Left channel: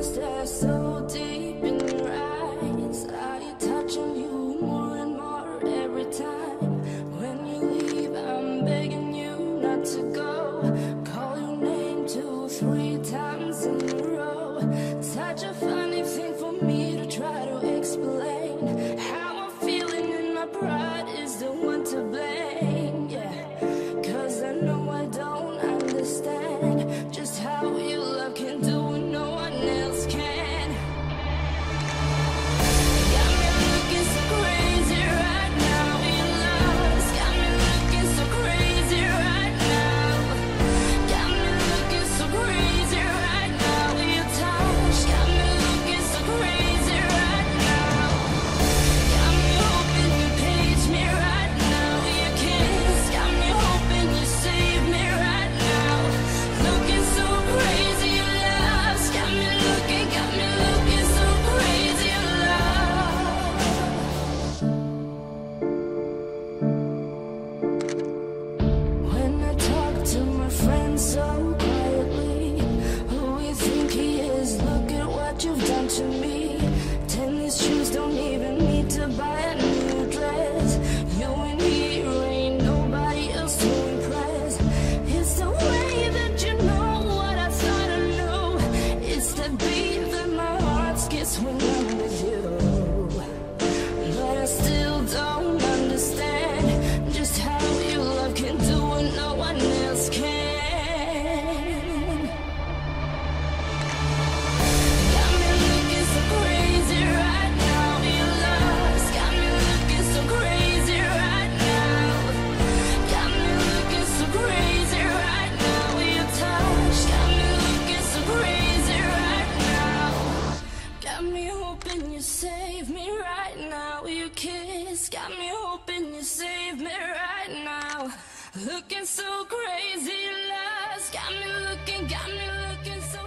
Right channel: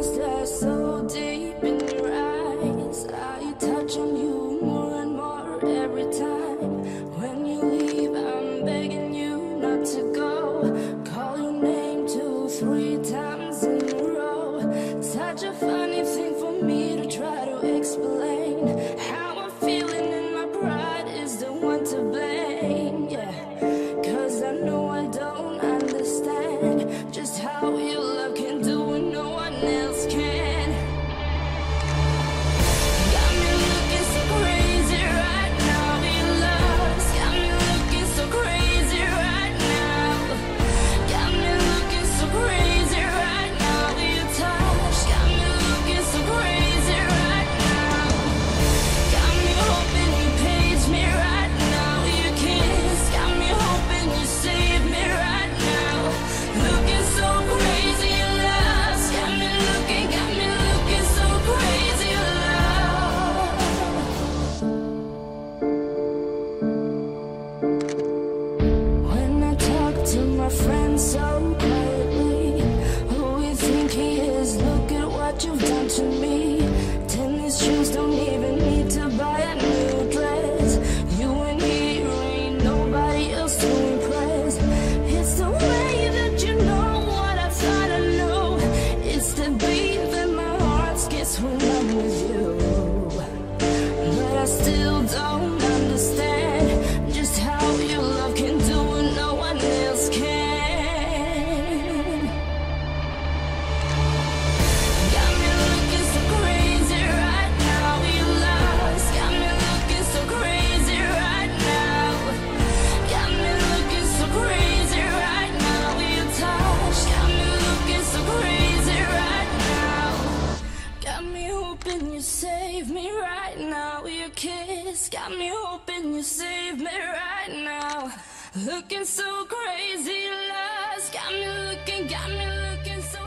feelings that are so deep in your eyes. I touch on you more and more every time. When you leave, I'm begging you not to go. Call your name 2, 3 times in a row. Such a funny thing for me to try to explain. How I'm feeling and my pride is the one to blame, yeah. Cause I know I don't understand just how your love can do what no one else can. Got me looking so crazy right now. Your love's got me looking so crazy right now. Got me looking so crazy right now. Your touch got me looking so crazy right now. Got me hoping you page me right now. Your kiss got me hoping you save me right now. Looking so crazy, your love's got me looking so crazy, your love. When I talk to my friends so quietly, who you think he is? Look at what you've done to me. Tennis shoes don't even need to buy a new dress. You and he ain't nobody else to impress. It's the way that you know what I thought I knew. It's the beat that my heart skips when I'm with you. But I still don't understand just how your love can do what no one else can. Got me looking so crazy right now. Your love's got me looking so crazy right now. Got me looking so crazy right now. Your touch got me looking so crazy right now. Got me hoping you save me right now. Your kiss got me hoping you save me right now. Looking so crazy, love's got me looking so